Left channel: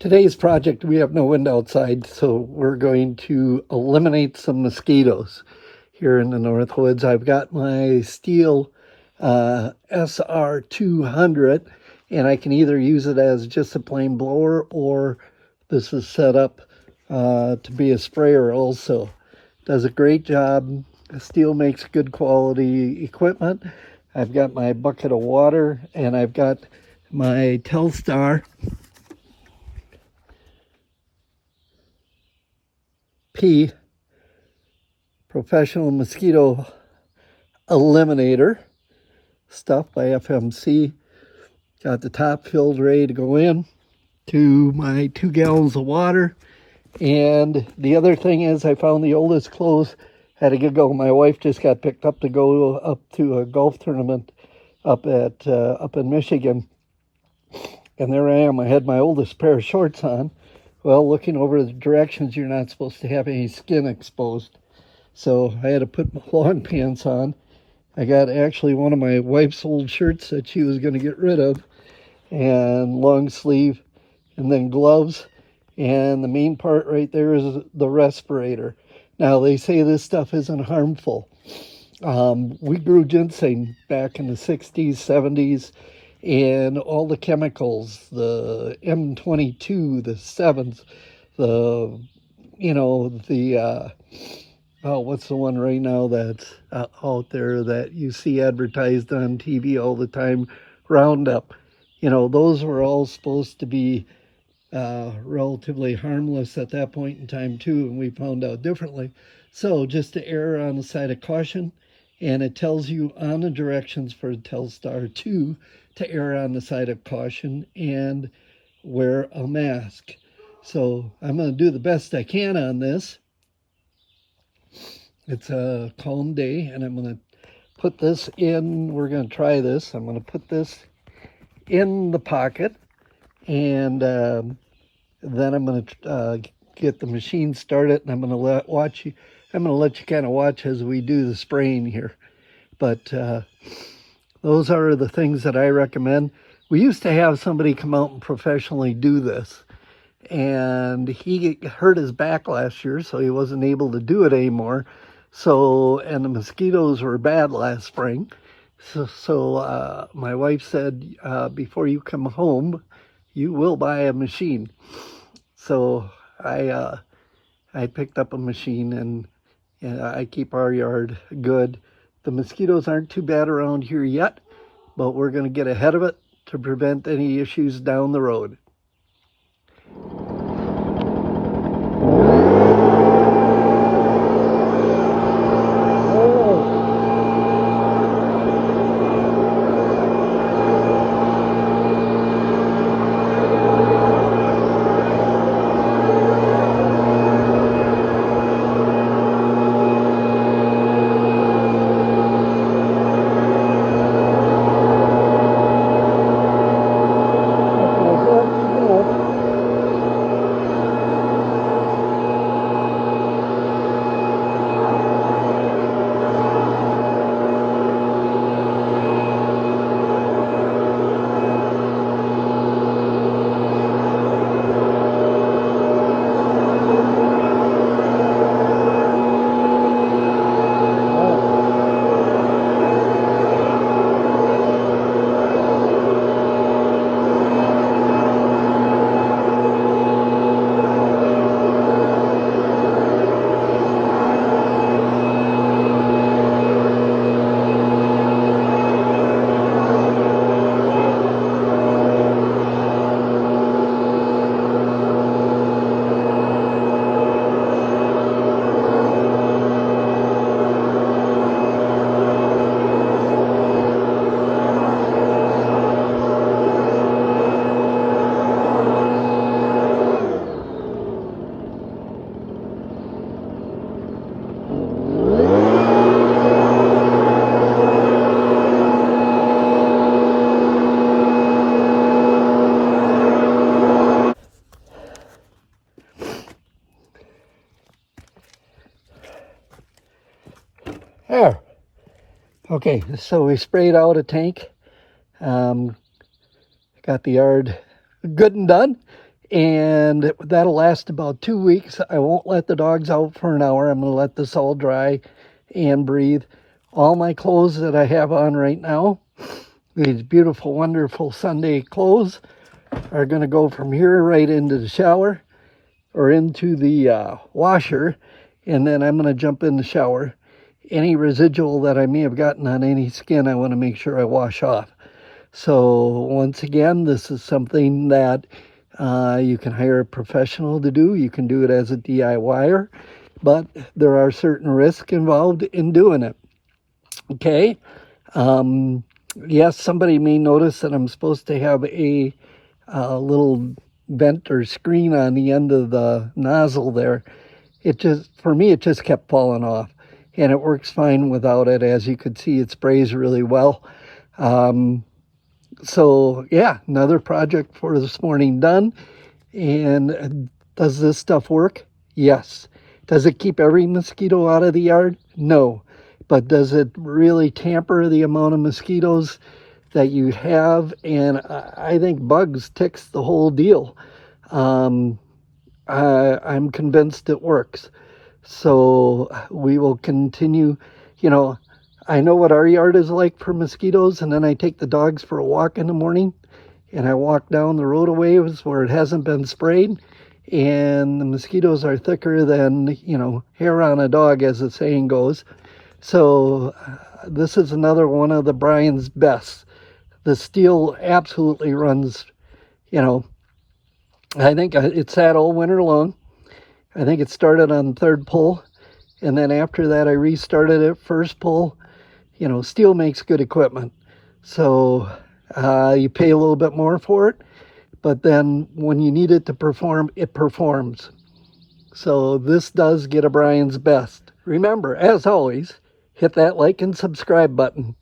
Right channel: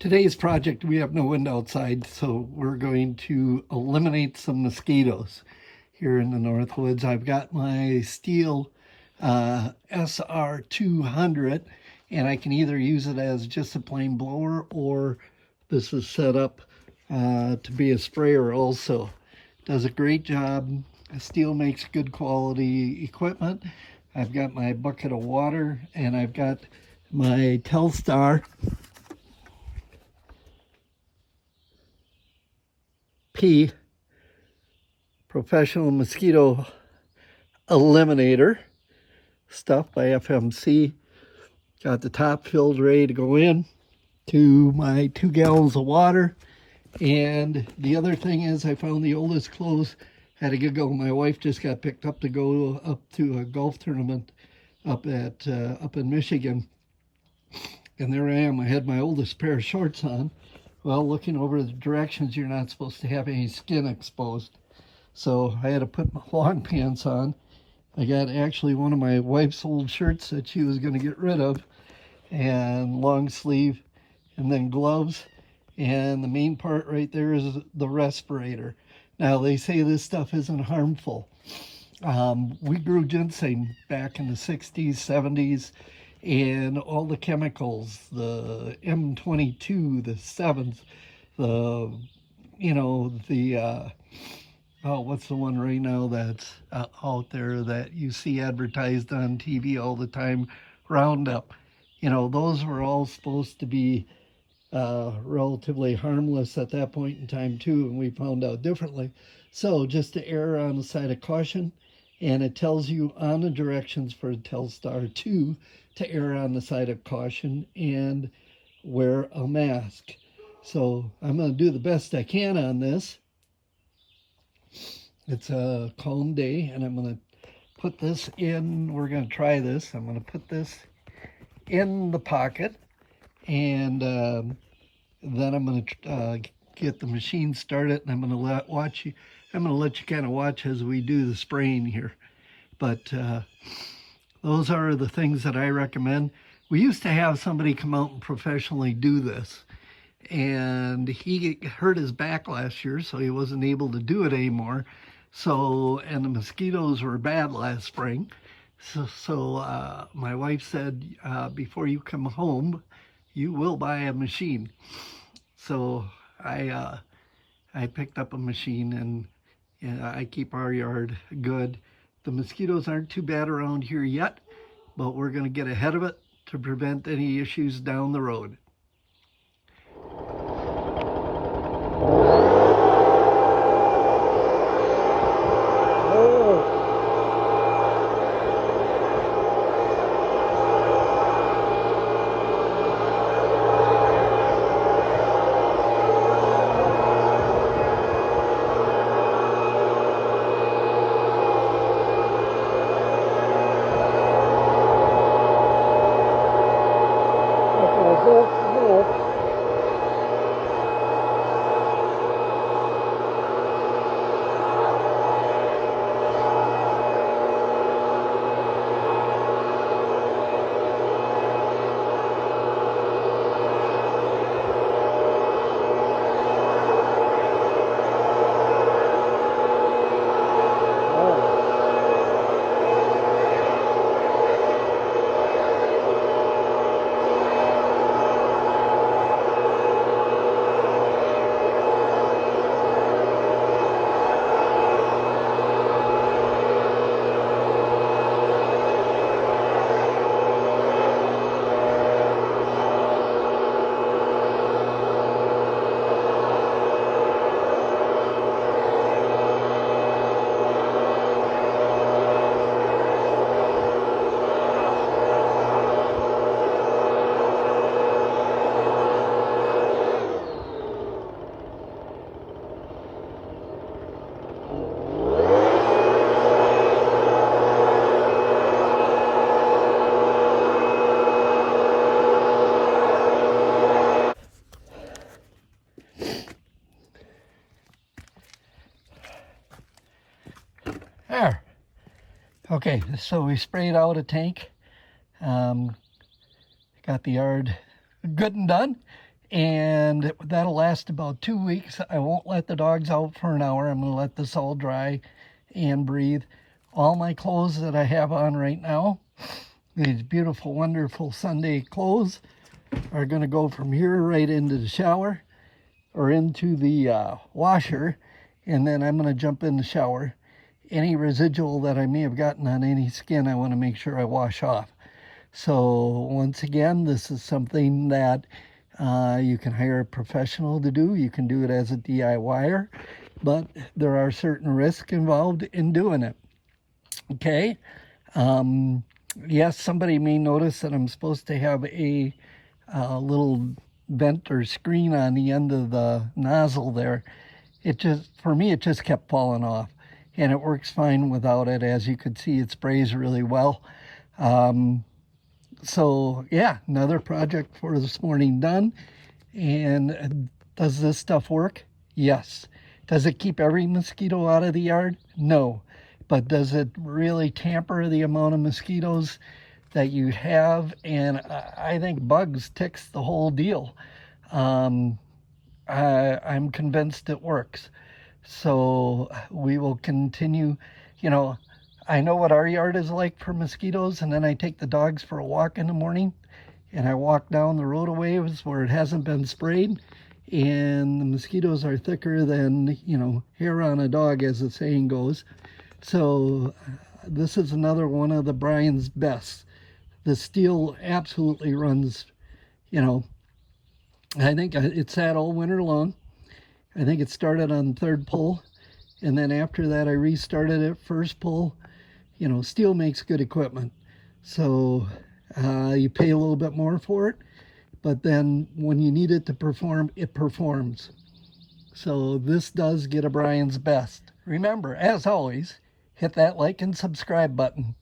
Today's project, we have no wind outside, so we're going to eliminate some mosquitoes here in the North Woods. I've got my Stihl SR200, and I can either use it as just a plain blower, or this is set up to be a sprayer also. Does a great job. Stihl makes good quality equipment. I've got my bucket of water, and I've got my Telstar P Professional Mosquito Eliminator stuff by FMC. Got the top filled, ready to go in to my 2 gallons of water. And the other thing is, I found the oldest clothes. Had to go. My wife just got picked up to go up to a golf tournament up in Michigan, and there I am. I had my oldest pair of shorts on. Well, looking over the directions, you're not supposed to have any skin exposed. So I had to put my long pants on. I got actually one of my wife's old shirts that she was going to get rid of, and long sleeve, and then gloves. And the main part right there is the respirator. Now, they say this stuff isn't harmful. We grew ginseng back in the 60s, 70s, and all the chemicals, the M22, the 7s, what's the one right now that's out there that you see advertised on TV all the time, Roundup. Those were all supposed to be relatively harmless at that point in time too, and we found out differently. So just to err on the side of caution, and it tells you on the directions for Telstar 2 to err on the side of caution and wear a mask. So I'm going to do the best I can on this. It's a calm day, and I'm going to put this in. We're going to try this. I'm going to put this in the pocket, and then I'm going to get the machine started, and I'm going to let you kind of watch as we do the spraying here. But those are the things that I recommend. We used to have somebody come out and professionally do this, and he hurt his back last year, so he wasn't able to do it anymore. And the mosquitoes were bad last spring. So my wife said, before you come home, you will buy a machine. So I picked up a machine, and I keep our yard good. The mosquitoes aren't too bad around here yet, but we're going to get ahead of it to prevent any issues down the road. There. Okay, so we sprayed out a tank. Got the yard good and done. and that'll last about 2 weeks. I won't let the dogs out for an hour. I'm going to let this all dry and breathe. All my clothes that I have on right now, these beautiful, wonderful Sunday clothes, are going to go from here right into the shower or into the washer, and then I'm going to jump in the shower. Any residual that I may have gotten on any skin, I want to make sure I wash off. So once again, this is something that you can hire a professional to do. You can do it as a DIYer, but there are certain risks involved in doing it. Okay. Yes, somebody may notice that I'm supposed to have a little vent or screen on the end of the nozzle there. For me, it just kept falling off, and it works fine without it. As you could see, it sprays really well. So yeah, another project for this morning done. And does this stuff work? Yes. Does it keep every mosquito out of the yard? No. But does it really tamper the amount of mosquitoes that you have? And I think bugs, ticks, the whole deal. I'm convinced it works. So we will continue. I know what our yard is like for mosquitoes, and then I take the dogs for a walk in the morning, and I walk down the road a ways where it hasn't been sprayed, and the mosquitoes are thicker than, hair on a dog, as the saying goes. So this is another one of the Brian's best. The Stihl absolutely runs, I think it sat all winter long. I think it started on third pull, and then after that I restarted it first pull. Stihl makes good equipment. So you pay a little bit more for it, but then when you need it to perform, it performs. So this does get a Brian's best. Remember, as always, hit that like and subscribe button.